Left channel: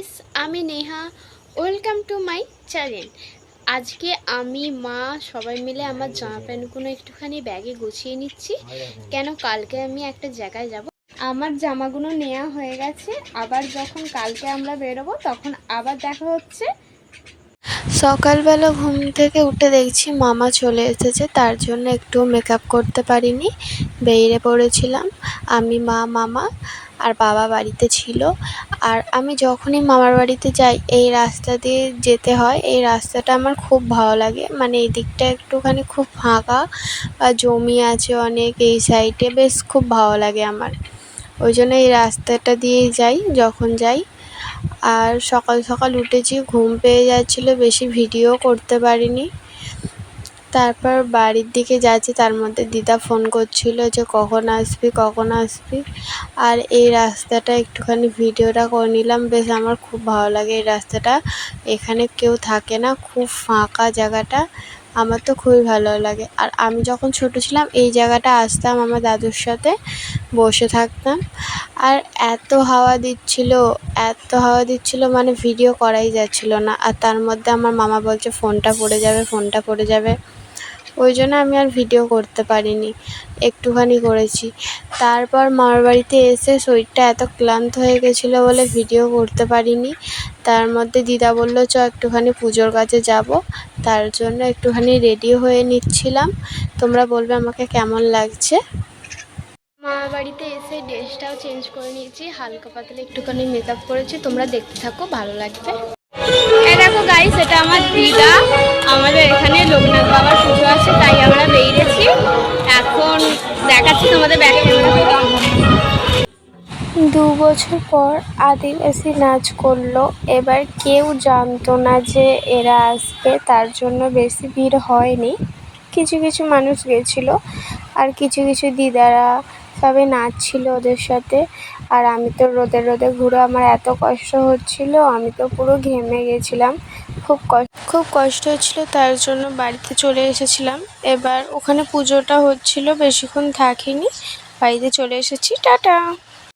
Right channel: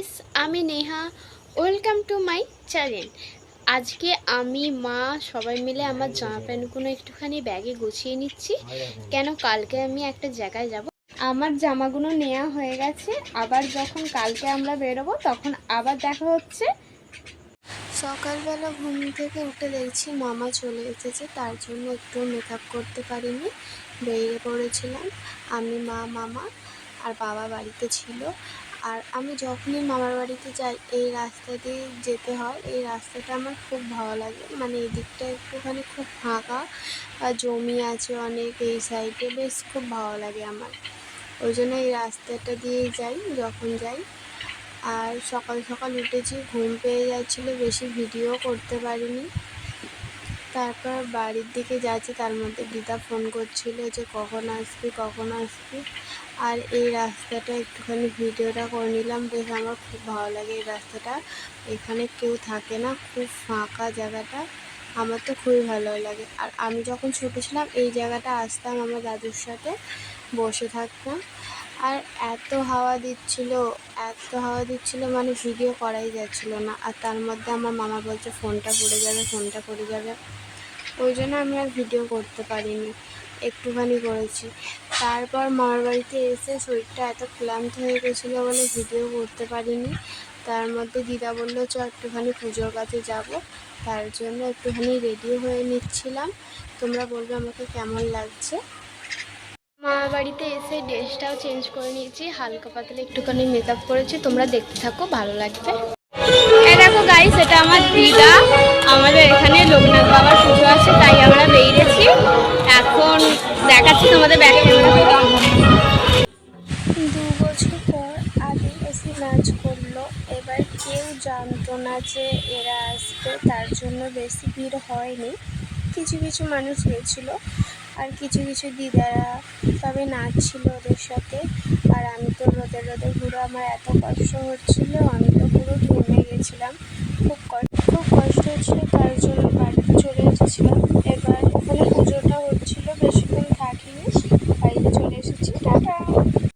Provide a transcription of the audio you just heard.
Guys, আমি Neha. Welcome to my channel. আজকে আমি মা সবাই মিলে আমার জামা প্যান্টগুলো একটুখানি ব্যাগে গুছিয়ে নিচ্ছি, কেন কালকে আমি একটা জায়গায় যাব। আমার জামাগুলো নেওয়া হয়ে গেছে, আবার যখন কালকে আমরা বেরোবো তখন আবার দেখা হচ্ছে। সকালবেলা ঘুম থেকে উঠে দেখছি মামা চলে এসেছে, তার জন্য একটু মেকআপ করতে পারিনি, বেরিয়ে পড়েছিলাম। আমি, মা, মামা আর বাবা বাড়িতে ছিল। আর আমি যখনই মামার বাড়িতে যাই এই রাস্তা দিয়ে যেতে হয়। এই রাস্তাটা আমার খুব ভালো লাগে, মানে এই দিকটা একটুখানি খুব ফাঁকা আর জমি আছে অনেক এই সাইডে, বেশ খুব ভালো লাগে আমার। ওই জন্য এই রাস্তাটা দিয়েই যাই যখন যাই। আর সকাল সকাল উঠেছি, ঘুম পেয়ে যাচ্ছিলো, বেশি ভিডিও করতে পারিনি। তারপর বাড়ির দিকে যাচ্ছি, তার মধ্যে দিদা ফোন করছিল যে কখন আসবি কখন আসবি। আর এই রাস্তাটা একটুখানি ভিডিওটা করে নিলাম, বেশ আমার খুব ভালো লাগে এই রাস্তাটা। এখানে কেউ থাকে না, খুব ফাঁকা জায়গাটা, আমার তো খুবই ভালো লাগে। আর আমি যখন ছোটো ছিলাম এই জায়গাটা আসতাম, আমার দাদুর সাথে বসে থাকতাম। আর এত হাওয়া দিচ্ছিল মানে ভিডিও করাই যাচ্ছিল না। আর তার মধ্যে আমার মামা বলছে ফোনটা পড়ে যাবে। ওই জন্য আমি আর ভিডিও করতে পারিনি, একটুখানি করেছি। তারপর মামার বাড়িতে এসে শরীরটা এত ক্লান্ত হয়ে গেছিলো বলে ভিডিও করতে পারিনি। তার মধ্যে দিদা বললো চ একটুখানি পুজোর কাছে যাব, তার জন্য একটুখানি রেডি হয়ে নিচ্ছিলাম। তোমরা বলবে আমাকে কেমন লাগছে। মামার বাড়িতে এসে ড্রেসটাও চেঞ্জ করে নিয়েছি, হালকা পাতলা একটুখানি মেকআপ করেছি, তোমরা দেখতে থাকো, ভালো লাগবে। এই দেখো গাইস, এটা আমার দিদা। আমাদের এখানে লোকনাথ বাবার পুজো আছে, তাই আমরা বেরিয়েছি। এখন দেখাচ্ছি তোমাদের ব্যাগে ক্যামেরা করে। 2 বছর পর আদিবাসী নাচ করলো। এবার কেউ জানতো না যে এরা আসবে, তার জন্য বেশি ভিড় হয়নি। কিছু কিছু মানুষ গেছিলো, আর কিছু কিছু দিদারা সবাই নাচছিল ওদের সাথে। আর আমি তো রোদে রোদে ঘুরে আমার এত কষ্ট হচ্ছিল, আমি তো পুরো ঘেমে গেছিলাম। খুব কষ্ট হচ্ছিলো, তার জন্য বাড়িতে চলে এসেছিলাম। এবার ওখানে পুজোটা হচ্ছিল, বেশিক্ষণ থাকিনি, বাড়িতে চলে এসেছি। টাটা।